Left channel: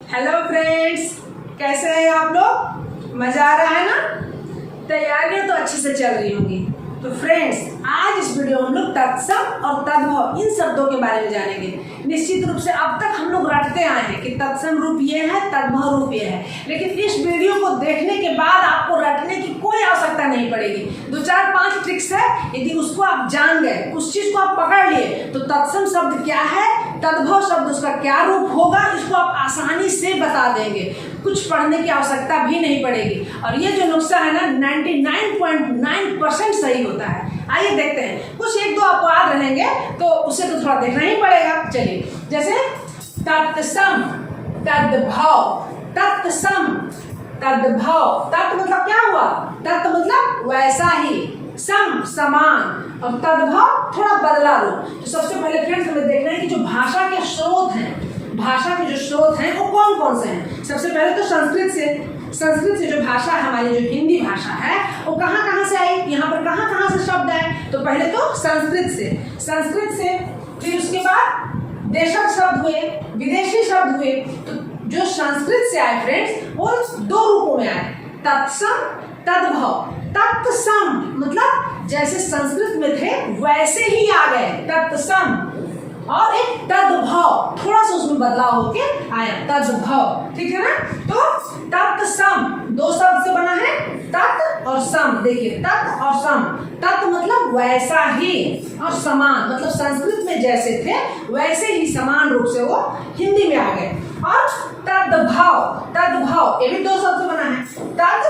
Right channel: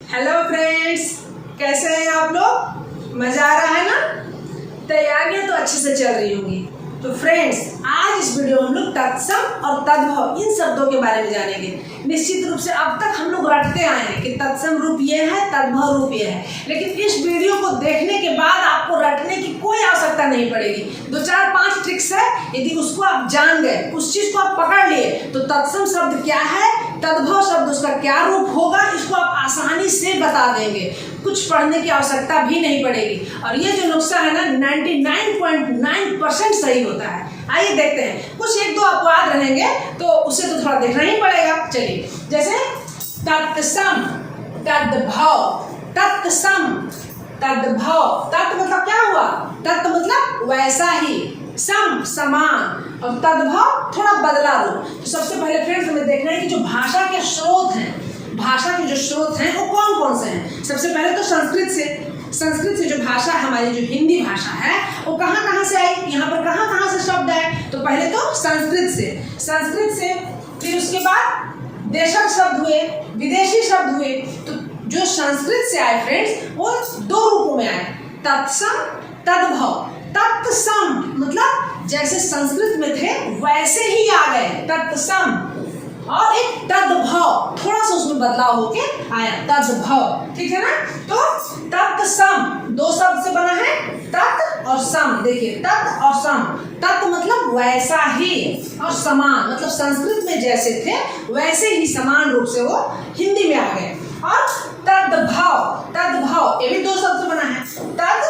Hello friends, कैसे हैं आप लोग? मजा आ रहा है ना? तैयारियां तो अच्छे से चल रही होंगी। तो फ्रेंड्स, आज इस वीडियो में हम लोग तत्सम और तद्भव इन शब्दों के बारे में जानेंगे। निश्चित रूप से अब तक हम लोग रटते आए हैं कि तत्सम रूप ये है, तद्भव रूप ये है, लेकिन इस वीडियो को देखने के बाद आपको रटने की कोई आवश्यकता नहीं पड़ेगी। 2 4 5 ट्रिक्स है, यदि उसको आप जान गए, उस चीज को आप पकड़ लिए, तो तत्सम शब्द क्या है, तद्भव शब्द उसका क्या रूप होगा, इसको आप आसानी से बता देंगे। कुछ पढ़ने की आवश्यकता भी नहीं पड़ेगी। और ये जो नुस्खा है ना 99.9% सही होता है। आइए देखते हैं। कुछ 1-2 अपवाद रहेंगे तो उसे तो थोड़ा देखना ही पड़ेगा। चलिए, जैसे तत्सम, तद्भव, तत्सम, तद्भव। तत् मतलब क्या हुआ? तत् मतलब वैसा ही, सम समान, और तद्भव थोड़ा बदला रूप। तो सबसे पहले फ्रेंड्स हमें देखना है कि जो भाषा के स्रोत हैं, भाषा के जो स्रोत हैं वो कौन कौन से हैं। सबसे पहले तो संस्कृत से जो भाषा है, हमारी जो हिंदी भाषा है, वो कहाँ से आई, यहाँ पर कहाँ से शब्द आए। तो पहले तो संस्कृत से, फिर उसके बाद देशज शब्द हुए, विदेशी शब्द हुए। तो जो संस्कृत से आए फ्रेंड्स, वो 2 रूपों में आए, तत्सम, तद्भव। तत्सम मतलब जैसे संस्कृत में थे वैसे ही आ गए, तत्सम। और एक तद्भव, थोड़ा सा उसमें बदलाव होके आया, तद्भव। ठीक है ना? तो तत्सम 2 शब्द से बना है, तत् और सम। देखिए, तत् और सम। तत् मतलब वैसा ही, और समान मतलब संस्कृत में जैसे थे वैसे ही समान रूप से वो हिंदी में आ गए। और तद्भव ये भी 2 शब्द से बना है, तद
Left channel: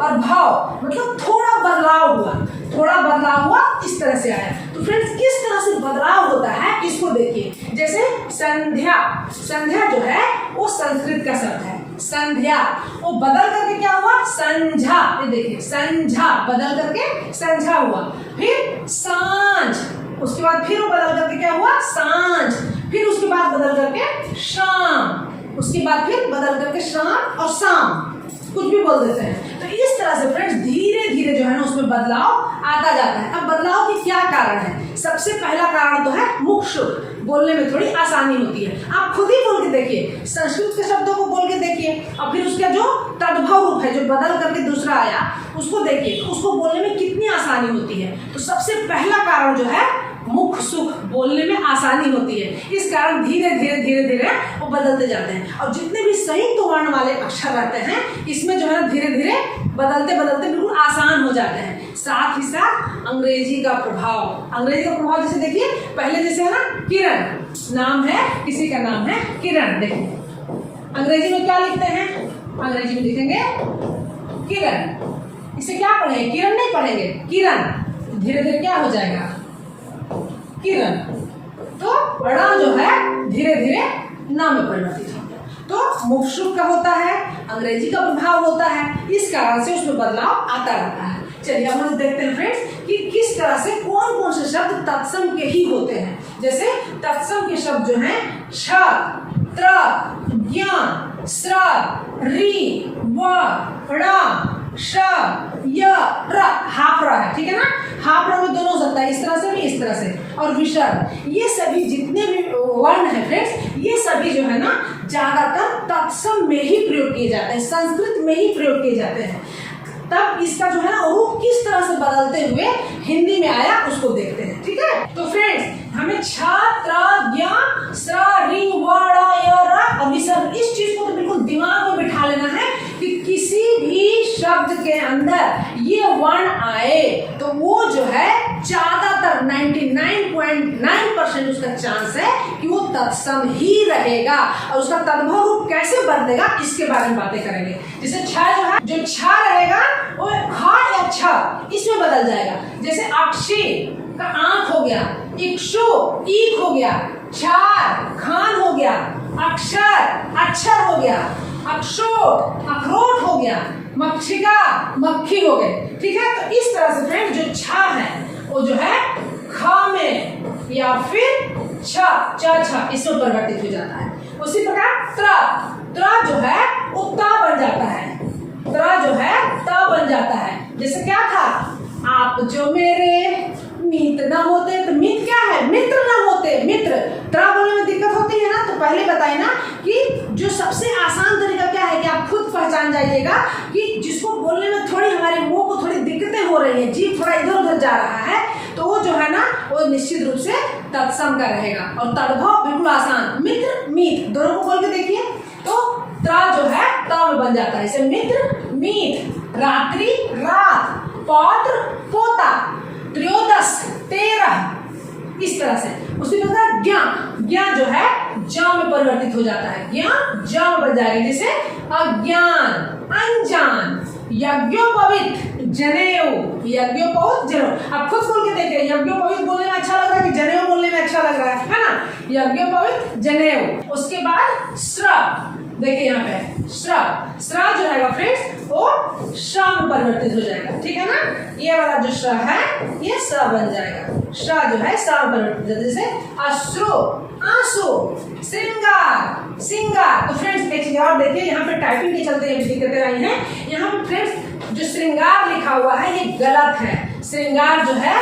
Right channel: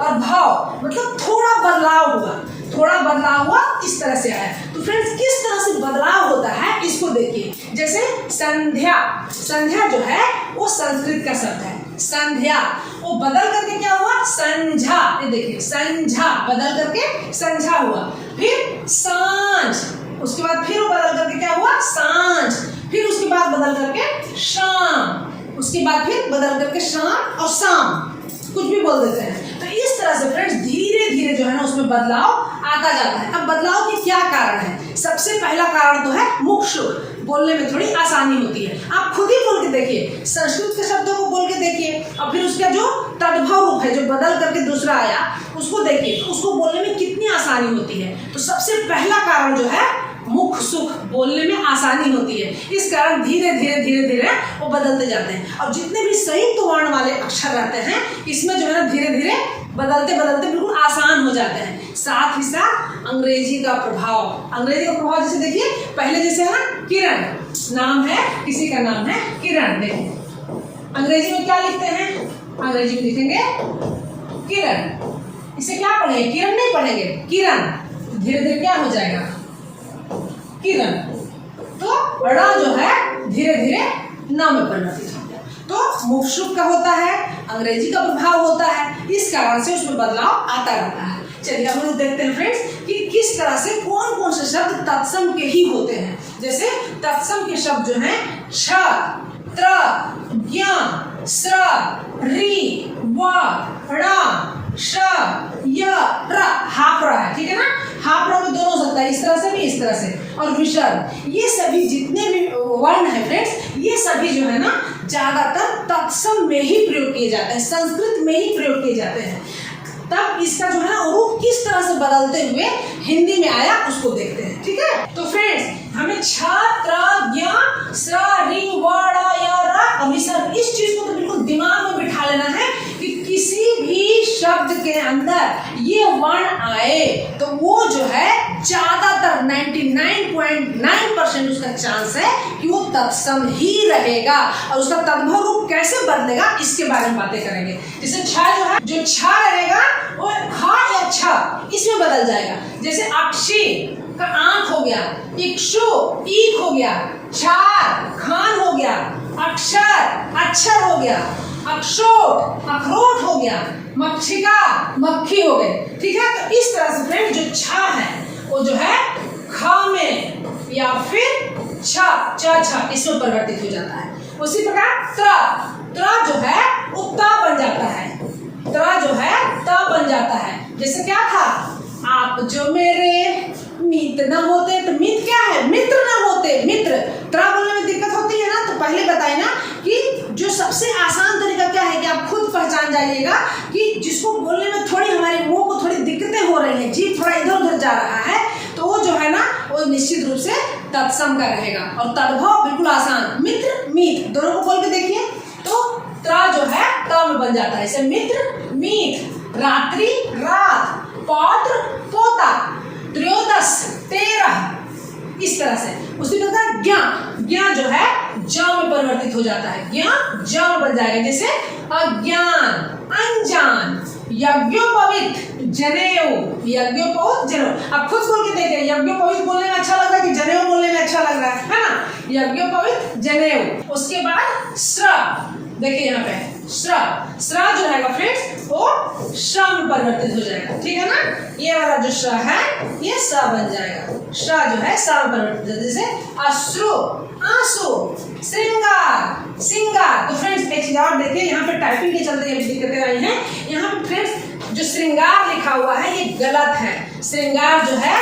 और भाव मतलब थोड़ा बदलाव हुआ, इस तरह से आया। तो फ्रेंड्स, किस तरह से बदलाव होता है इसको देखिए। जैसे संध्या जो है वो संस्कृत का शब्द है, संध्या। वो बदल करके क्या हुआ? संझा। ये देखिए, संझा बदल करके संझा हुआ। फिर सांझ, उसके बाद फिर वो बदल करके क्या हुआ? सांझ। फिर उसके बाद बदल करके शाम, उसके बाद फिर बदल करके शाम और शाम, कुछ भी बोल देते हैं। तो इस तरह से फ्रेंड्स धीरे धीरे जो है ना उसमें बदलाव आता जाता है। अब बदलाव के क्या कारण है? सबसे पहला कारण तो है मुख शुद्ध, बोलने में थोड़ी आसानी होती है। आप खुद ही बोल के देखिए, संस्कृत के शब्दों को बोल के देखिए, और फिर उसका जो तद्भव रूप है, जो बदल करके दूसरा आया, उसको देखिए, तो उसको बोलने में कितनी आसानी होती है। तो सबसे पहला कारण जो है मुख सुख, बोलने में आसानी होती है। इस कारण धीरे धीरे वो बदलते जाते हैं। और जितने भी संयुक्त वर्ण वाले अक्षर रहते हैं, इसमें जो है ना धीरे धीरे बदलते बिल्कुल आसान हो जाते हैं। साथ ही साथ अंग्रेजी का प्रभाव, जैसे देखिए, पहले जैसे है ना किरण नाम है, किसी का नाम है किरण। देखिए, अंग्रेजी में क्या लिखते हैं? अंग्रेजी में लिखेंगे किरण। इसे क्या पढ़ेंगे? किरण नहीं पढ़ेंगे, किरण। धीरे धीरे क्या हो जाएगा? किरण। तो ण जो है धीरे धीरे न में परिवर्तित हो गया। तो मुख शुद्ध का होता है, अंग्रेजी का प्रभाव होता है, इस कारण से उसमें बदलाव आता रहता है। चलिए हम लोग देखते हैं फ्रेंड्स कि किस तरह से कौन कौन से शब्द तत्सम के ही होते हैं। जैसे तत्सम के शब्द जो हैं छ, त्र, ज्ञ, स्र, रि, व, ण, श, य, प्र। हाप्र है, ठीक है ना? हाप्र में दोनों सकता है, इस तरह से भी, इस तरह से। और विसर्ग, ये सभी जितने भी वर्ण है फ्रेंड्स, ये सभी जो है ना ज्यादातर तत्सम में ही प्रयोग किए जाते हैं, संस्कृत में ही प्रयोग किए जाते हैं। तब इसका जो है ना रूप किस तरह से बदलते हुए हिंदी में आया उसको देखते हैं। ठीक है? तो फ्रेंड्स, हमें छ, त्र, ज्ञ, स्र, रि, व, ण, य, र और विसर्ग, इस चीज को बिल्कुल दिमाग में बिठा लेना है कि किसी भी शब्द के अंदर ये वर्ण आए तो वो जो है ज्यादातर 99.9% उसका चांस है कि वो तत्सम ही रहेगा। और उसका तद्भव रूप कैसे बदलेगा इसके बारे में बातें करेंगे। जैसे छ जो है, जो छ रहेगा वो ख या छ इसमें बदल जाएगा। जैसे अक्षी का आंख हो गया, इक्षु ईख हो गया, क्षार खान हो गया, अक्षर अक्षर हो गया, अक्षोट अखरोट हो गया, मक्षिका मक्खी हो गई। ठीक है? तो इस तरह से फ्रेंड जो छ है वो जो है ख में या फिर छ इसमें परिवर्तित हो जाता है। उसी प्रकार त्र जो है वो त बन जाता है, त बन जाता है। जैसे क्या था? आप जो मेरे मित न होते, तो मित क्या है? मित्र न होते, मित्र। त्र बोलने में दिक्कत होती है ना, तो पहले बताए ना कि जो सबसे आसान जाइएगा कि जिसको बोलने में थोड़ी हमारे मुंह को थोड़ी दिक्कतें हो रही हैं, जीभ थोड़ा इधर उधर जा रहा है, तो वो जो है ना वो निश्चित रूप से तत्सम का रहेगा। और तद्भव बिल्कुल आसान, मित्र मीत दोनों को बोल के देखिए तो त्रा जो है त में बन जाता है। इसे मित्र मीत, रात्रि रात, पौत्र पोता, त्रयोदश 13, इस तरह से। उसी प्रकार ज्ञान जो है ज में परिवर्तित हो जाता है, ज्ञान ज में बन जाएगा, जैसे अज्ञान अनजान, यज्ञोपवीत जनेऊ, यज्ञोपवीत जनेऊ। आप खुद बोल के देखिए, यज्ञोपवीत बोलने में अच्छा लग रहा है कि जनेऊ बोलने में अच्छा लग रहा है ना? यज्ञोपवीत जनेऊ। उसके बाद श्र, देखिए यहाँ पे श्र जो रहेगा फ्रेंड्स वो श्र में परिवर्तित हो जाएगा, ठीक है ना? ये वाला जो श्र है ये स बन जाएगा, श्र जो है स में परिवर्तित हो जाएगा, जैसे अश्रु आंसू, श्रृंगार सिंगार। तो फ्रेंड्स एक चीज और देखिए, यहाँ पे टाइपिंग के चलते अभी दिक्कतें आई हैं। यहाँ पे फ्रेंड्स जो श्रृंगार लिखा हुआ है ये गलत है। श्रृंगार जो है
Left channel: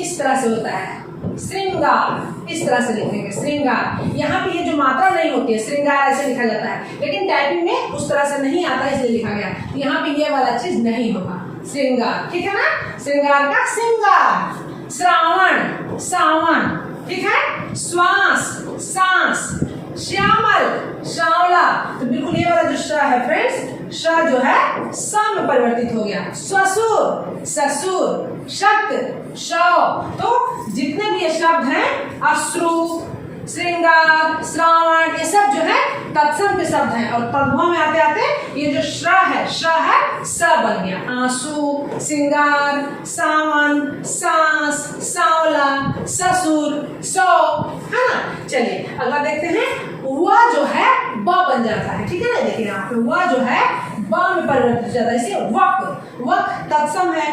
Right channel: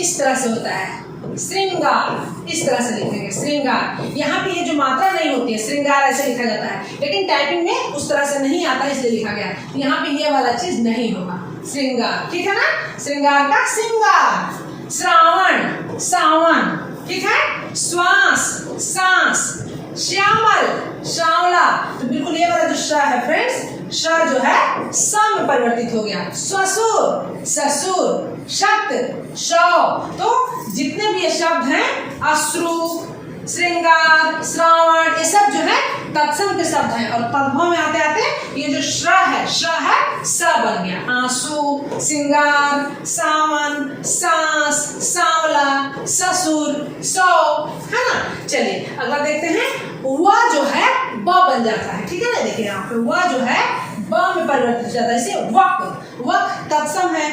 इस तरह से होता है, श्रृंगार इस तरह से लिखेंगे श्रृंगार। यहाँ पे ये जो मात्रा नहीं होती है, श्रृंगार ऐसे लिखा जाता है, लेकिन टाइपिंग में उस तरह से नहीं आता इसलिए लिखा गया। यहाँ पे ये वाला चीज नहीं होगा, श्रृंगार, ठीक है ना? श्रृंगार का श्रृंगार। श्रावण सावन, ठीक है? श्वास सांस, श्यामल श्यावला। तो बिल्कुल ये वाला जो श है फ्रेंड्स, श जो है स में परिवर्तित हो गया। ससुर ससुर, शक्त शव। तो जितने भी ये शब्द हैं अश्रु श्रृंगार श्रावण ये सब जो है तत्सम के शब्द हैं। और तद्भव में आते आते ये जो श्र है स बन गया। आंसू श्रृंगार सावन सांस सांवला ससुर सौ, है ना? चलिए अगला देखते हैं। वह जो है ब बन जाता है, ठीक है ना? देखिए यहाँ पे वह जो है ब में परिवर्तित हो जाता है, इसे वक। वक तत्सम है।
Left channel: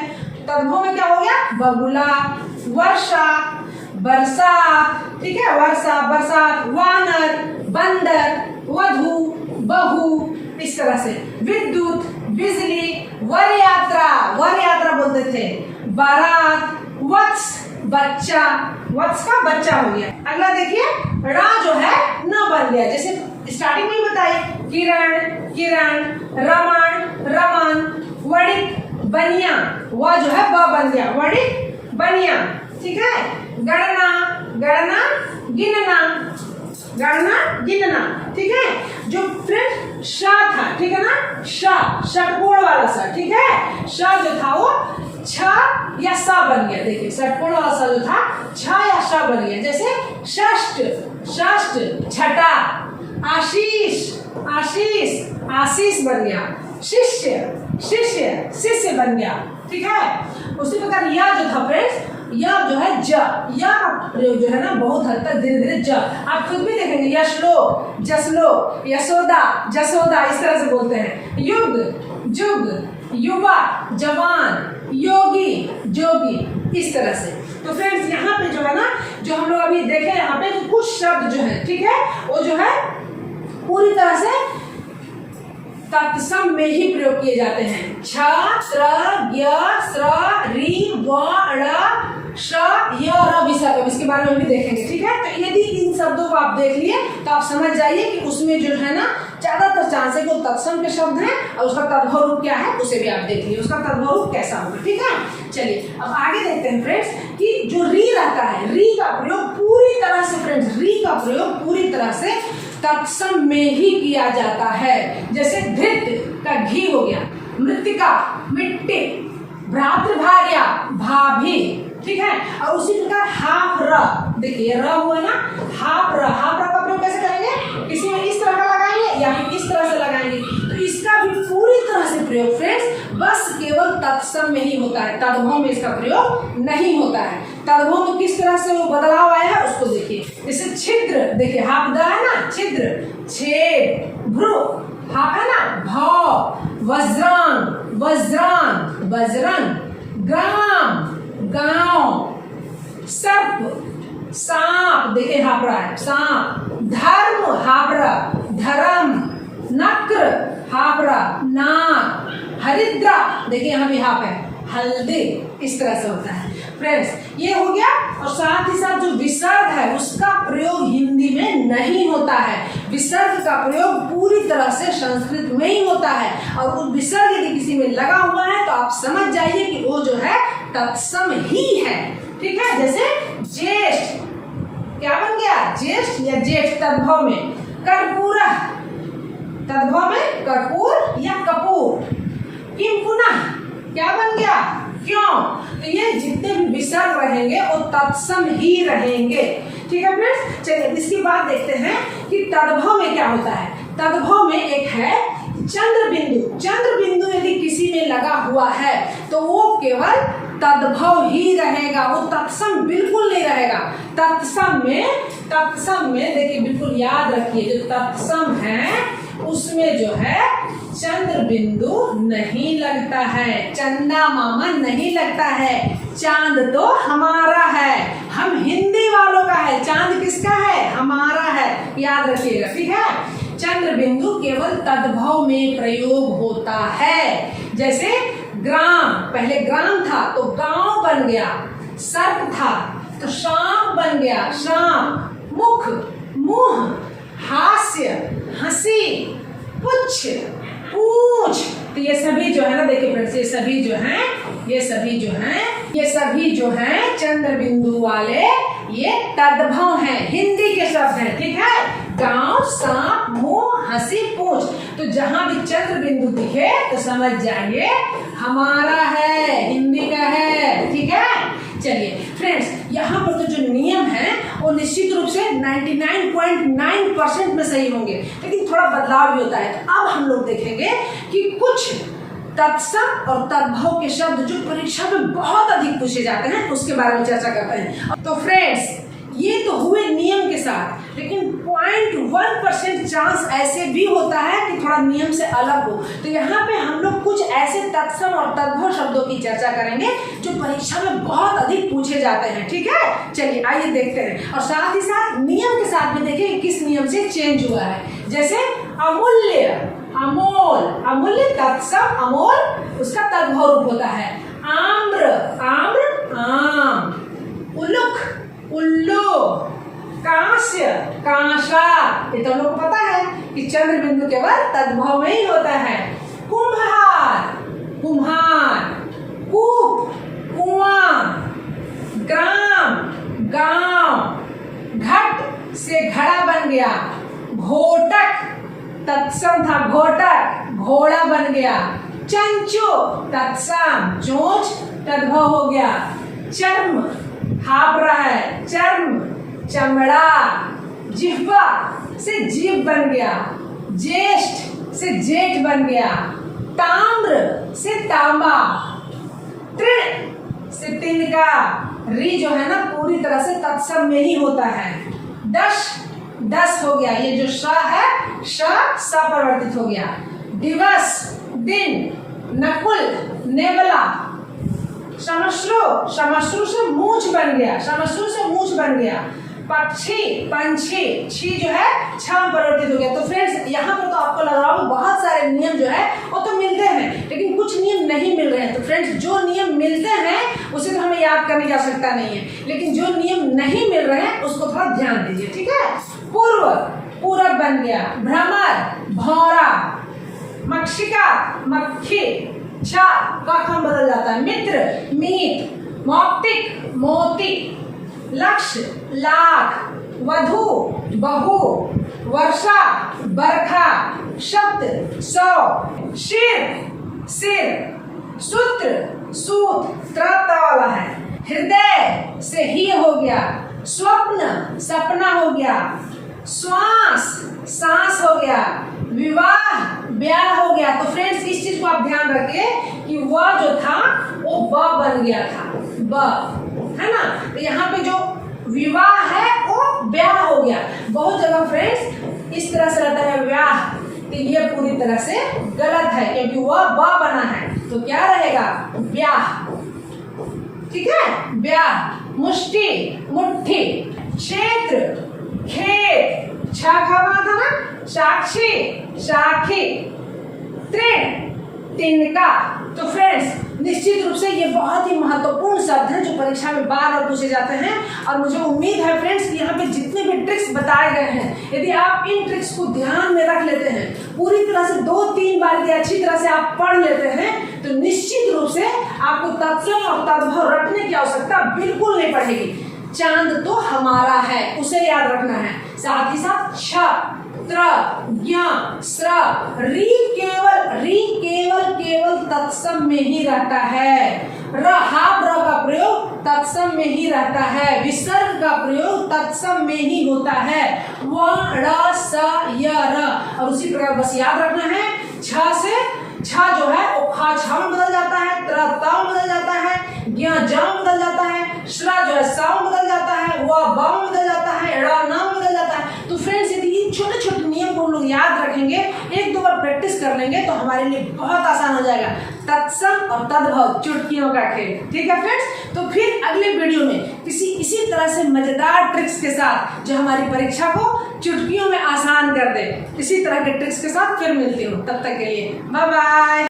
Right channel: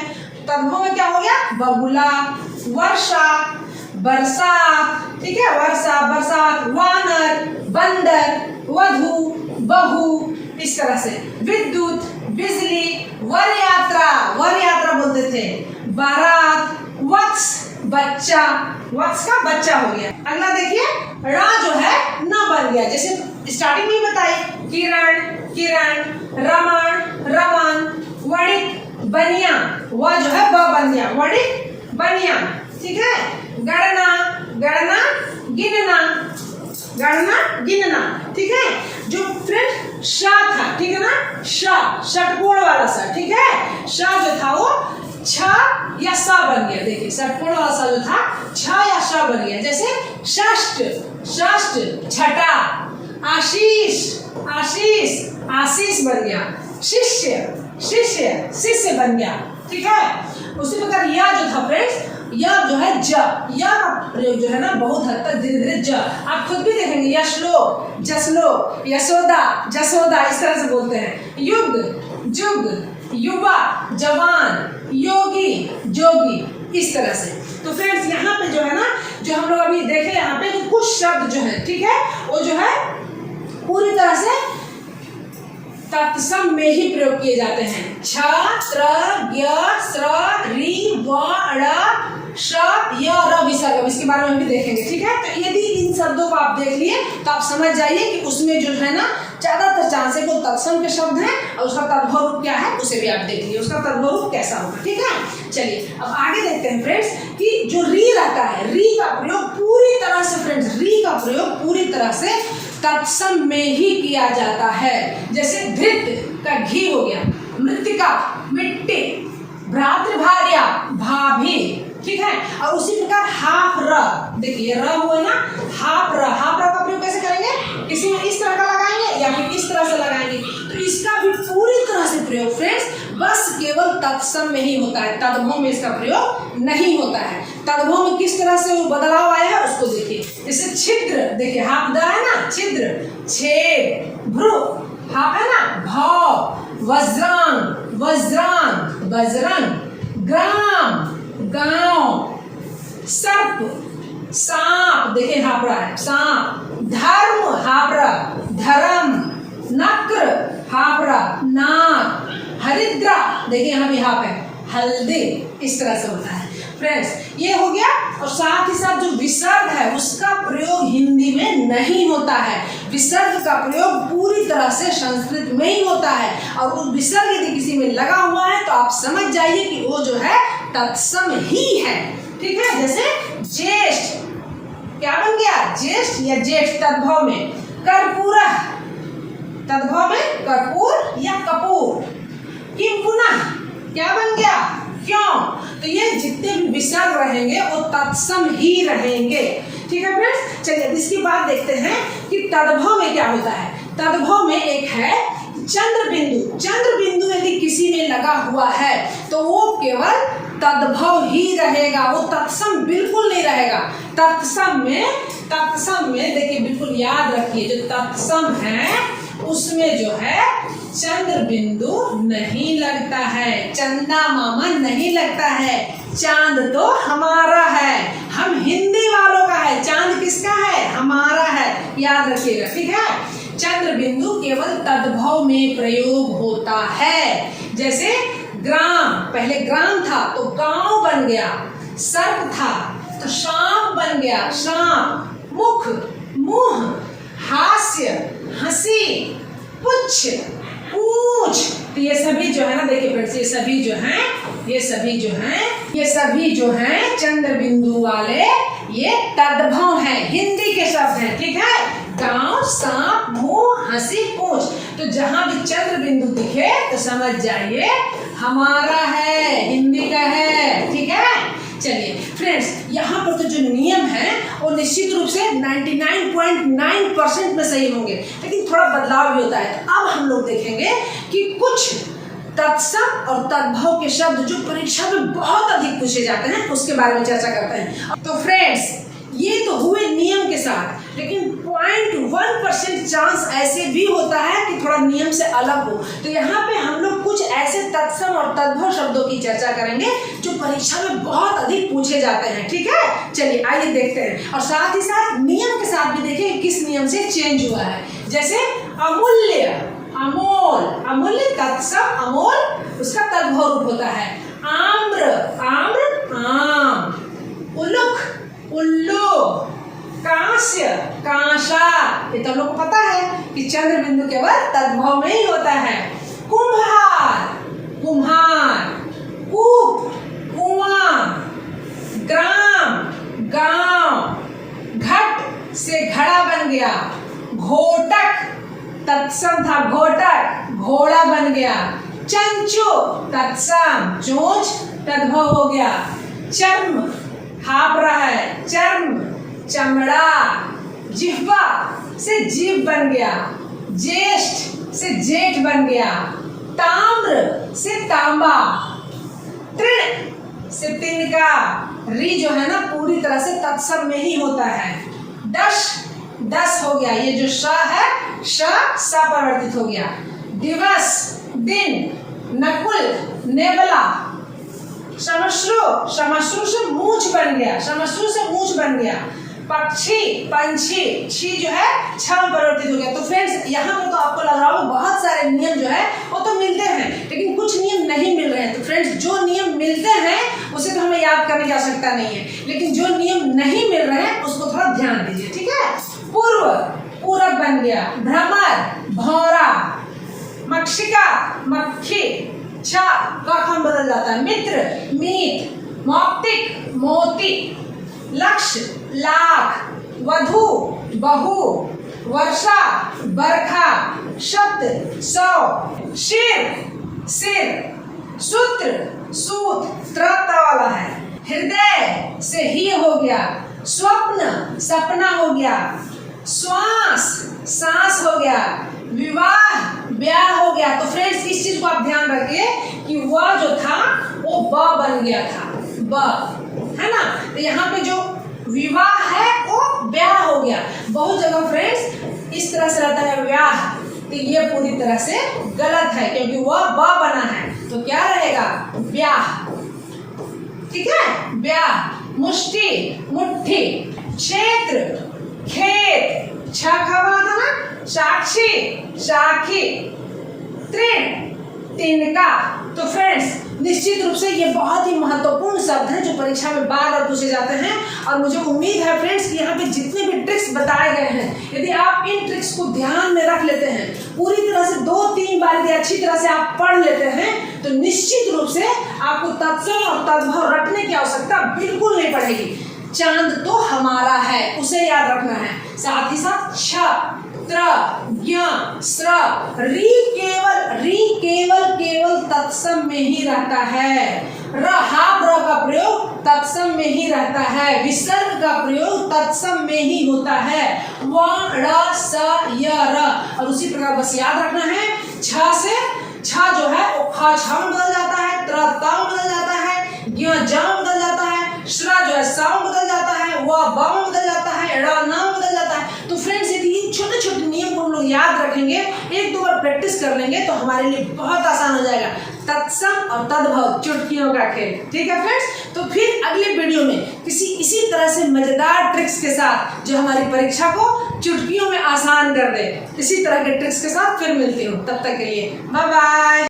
तद्भव में क्या हो गया? बगुला वर्षा बरसात, ठीक है? वर्षा बरसात, वानर बंदर, वधु बहू, इस तरह से। विद्युत बिजली, वर यात्रा बोलते थे, बारात, वत्स बच्चा, वत्स का बच्चा हो गया। अगला देखिए रा जो है न बन गया, जैसे स्टार्टिंग में बताई, किरण रमण रमन, वणिक बनिया, वह जो है ब बन गया, वणिक बनिया, ठीक है? गणना गिनना, ठीक है? जो फिर शा था, ठीक है ना? षटपूर्ण वाला सा, ठीक है? शा जो था वो छ या सा बन गया। देखिए षटपूर्ण वाला सा जो था छ या सा बन गया, जैसे षष्ठ छठा, आशीष बन गया, शिष्य बन गया, ठीक है? उसी प्रकार या जो था फ्रेंड्स, या जो है ज, या का प्रयोग जो है ना बहुत हद तक धीरे धीरे ज, आप खुद भी देखेंगे, यशलो जसलो, यशोदा जसोदा, इस तरह से बोलते हैं। युग जुग, युवा जवान, योगी जोगी, इस तरह से। तो फ्रेंड्स यहाँ पे जो है ना, जो हम लोग अभी देखे यहाँ पे कुछ शब्द जो है, ठीक है, वो जो है पूरी तरह से तत्सम में ही प्रयोग किए जाते हैं। छ त्र ज्ञ स्र रि व ण श य र विसर्ग, इसके बारे में हम भी देखेंगे, ठीक है? तो यदि इन शब्दों को आप देख लिए तो आप समझ जाइए कि उसमें जो है ना ज्यादातर चांस है वो तत्सम के शब्द हैं, और उसका तद्भव रूप क्या है उसे भी आप देख लिए, उसका तद्भव रूप कैसा होगा, ठीक है? चलिए अब आगे देखते हैं फ्रेंड्स कि जो री रहता है, री का प्रयोग पूरी तरह से फ्रेंड्स, री का प्रयोग पूरी तरह से तत्सम में ही किया जाता है। जैसे धृत का घी हो गया, मृतिका मिट्टी, भ्रातृभार्या भाभी, ठीक है? और उसी प्रकार हाफ र, देखिए र हुआ ना, हाफ र का प्रयोग कैसे करेंगे? किसी में इस तरह का लगाएंगे या फिर इस तरह से लगाएंगे, तो इसका भी पूरी तरह से प्रयोग फ्रेंड्स बस केवल तत्सम में ही होता है, तद्भव में इसका प्रयोग नहीं होता है। तद्भव में किस तरह से वो बदलाव आया है उसको देखिए। जैसे छिद्र, देखिए हाफ द है ना, छिद्र, छेद, भ्रू, हाफ है ना, भाव, वज्रांग बजरंग, ग्राम गांव, सर्प सांप, देखिए हापरा है सांप, धर्म हापरा धर्म, नक्र हापरा नाक, हरिद्रा, देखिए यहाँ भी हाप है हल्दी, इस तरह से होता है फ्रेंड्स। ये हो गया और साथ ही साथ जो विसर्ग है उसका प्रयोग हिंदी में नहीं होता है। विसर्ग का प्रयोग पूरी तरह से संस्कृत में ही होता है, और उस विसर्ग यदि किसी में लगा हुआ है तो आप समझ जाइए कि वो जो है तत्सम ही है। ठीक है, जैसे ज्येष्ठ क्या बन गया, ज्येष्ठ या जेठ तद्भव में कर्पूर, तद्भव में कर्पूर या कपूर। किम पुनः क्या बन गया, क्यों। तो ये जितने भी विसर्ग रहेंगे वो तत्सम ही रहेंगे। ठीक है फ्रेंड्स, चलिए इसकी बात देखते हैं कि तद्भव में क्या होता है। तद्भव में एक है चंद्र बिंदु। चंद्र बिंदु यदि किसी में लगा हुआ है तो वो केवल तद्भव ही रहेगा, वो तत्सम बिल्कुल नहीं रहेगा। तत्सम में देखिए बिल्कुल याद रखिए, जो तत्सम है उसमें जो है चंद्र बिंदु नहीं लगता है, चंदा मामा नहीं लगता है। चांद तो हमारा है, हम हिंदी वालों का है, चांद किसका है, हमारा है, याद रखिएगा। ठीक है, चंद्र बिंदु केवल तद्भव में प्रयोग होता है। जैसे ग्राम, पहले ग्राम था तो गांव बन गया, सर्प था तो शाम बन गया, शाम। मुख, मुंह, हास्य, हंसी, पुच्छ, पूछ। तो ये सभी जो है ना, देखिए फ्रेंड्स, ये सभी जो हैं चंद्र बिंदु वाले ये तद्भव हैं, हिंदी के शब्द हैं। ठीक है, गांव, सांप, मुंह, हंसी, पूछ। तो जहां भी चंद्र बिंदु दिखे तो समझ जाइए हमारा है, हिंदी का है। ठीक है, चलिए फ्रेंड्स, यहाँ पर तो जो नियम है वो निश्चित रूप से 99.9% में सही होंगे, लेकिन थोड़ा बदलाव भी होता है। अब हम लोग देखेंगे कि कुछ तत्सम और तद्भव के शब्द जो परीक्षा में बहुत अधिक पूछे जाते हैं उसके बारे में चर्चा करते हैं। तो फ्रेंड्स, ये तो हुए नियम के साथ, लेकिन 0.1% चांस ऐसे भी होता है कि थोड़ा नियम से अलग हो। तो यहाँ पे हम लोग कुछ ऐसे तत्सम और तद्भव शब्दों की चर्चा करेंगे जो परीक्षा में बहुत अधिक पूछे जाते हैं। ठीक है, चलिए आइए देखते हैं, और साथ ही साथ नियम के साथ भी देखिए किस नियम से चेंज हुआ है। जैसे अमूल्य, अमोल, अमूल्य तत्सम, अमोल उसका तद्भव रूप होता है। आम्र, आम्र आम। उल्लुक, उल्लू। कांस्य, कांसा। ये तो लोग को पता है कि चंद्र बिंदु केवल तद्भव में ही होता है। कुम्हार, कुम्हार। कूप, कुआं। ग्राम, गांव। घट से घड़ा बन गया। घोटक, तत्सम था घोटक, घोड़ा बन गया। चंचू, तत्सम, चोंच तद्भव हो गया। चर्म, हाप रहा है, चर्म, चमड़ा। जिह्वा से जीभ बन गया। ज्येष्ठ से जेठ बन गया। ताम्र से तांबा। तृण से तिनका। री जो है ना पूरी तरह से तत्सम में ही होता है। दश, दस हो गया, ये जो श है श परिवर्तित हो गया। दिवस, दिन। नकुल, नेवला। श्मश्रु, श्मश्रु से मूछ बन गया, श्मश्रु से मूछ बन गया। पक्षी, पंछी, छी जो है छ परिवर्तित हो गया। तो फ्रेंड्स, यहाँ पर तो आपको लग रहा होगा बहुत सारे नियम जो है वो तो मिलते हैं, लेकिन कुछ नियम नहीं मिल रहे हैं। तो फ्रेंड्स, जो नियम मिलते हैं उसे तो हमें याद करने की आवश्यकता नहीं है, लेकिन जो नियम नहीं मिल रहे हैं उसको थोड़ा ध्यान दीजिए। ठीक है, पूर्व, पूरब बन गया। भ्रमर, भौरा। मक्षिका, मक्खी। छा का बदल जाता है। मित्र, मीत। मौक्तिक, मोती। लक्ष्य, लाख। वधु, बहू। वर्षा, बरखा। शब्द, सौ। शिर, सिर। सूत्र, सूत, त्रता वाला है। हृदय से ही हो गया। स्वप्न, सपना हो गया। श्वास, सांस हो गया। विवाह, ब्याह हो गया। तो फ्रेंड्स, इस चीज को आप ध्यान रखिए कि वह जो था वो ब बन गया था, ब है ना। तो यहाँ पे जो विवाह है वो ब्याह हो गया। बहुत जगह फ्रेंड्स इस तरह से रहता है ब्याह, तो ये पूरी तरह से गलत है क्योंकि वह ब बना है, तो क्या रहेगा, ब्याह। ठीक है, ब्याह। मुष्टि, मुट्ठी। क्षेत्र, खेत। छा खा बना था ना, साक्षी, साखी। तृण, तिनका। तो फ्रेंड्स निश्चित रूप से ये बहुत ही महत्वपूर्ण शब्द हैं जो परीक्षा में बार बार पूछे जाते हैं और मुझे उम्मीद है फ्रेंड्स कि यहाँ पे जितने भी ट्रिक्स बताए गए हैं यदि आप इन ट्रिक्स को ध्यान में रख लेते हैं, पूरी तरह से 2-3 बार यदि अच्छी तरह से आप पढ़ लेते हैं तो निश्चित रूप से आपको तत्सम और तद्भव रटने की आवश्यकता बिल्कुल नहीं पड़ेगी। चांद तो हमारा है उसे याद रखना है, साथ ही साथ छ त्र ज्ञ स्र री केवल तत्सम में ही रहता है। र का प्रयोग तत्सम में ही रहता है। विसर्ग का प्रयोग तत्सम में ही होता है। व ड़ स य र और उसी प्रकार बस याद रखना है छ से छ जो है वो ख छ में बदल जाता है, त्र त में बदल जाता है, ज्ञ ज में बदल जाता है, श्र जो है स में बदल जाता है, व ब में बदल जाता है, ड़ न में बदल जाता है। तो फ्रेंड्स यदि छोटे छोटे नियम को हम लोग याद रखेंगे, 1-2 बार प्रैक्टिस कर लेंगे तो हमारे लिए बहुत आसान हो जाएगा तत्सम और तद्भव चुटकियों का खेल। ठीक है फ्रेंड्स, तो फिर अगले वीडियो में इसी तरह से मजेदार ट्रिक्स के साथ जो हमारी परीक्षा को चुटकियों में आसान कर दे, इसी तरह के ट्रिक्स के साथ फिर मिलती हूँ। तब तक के लिए बाय बाय।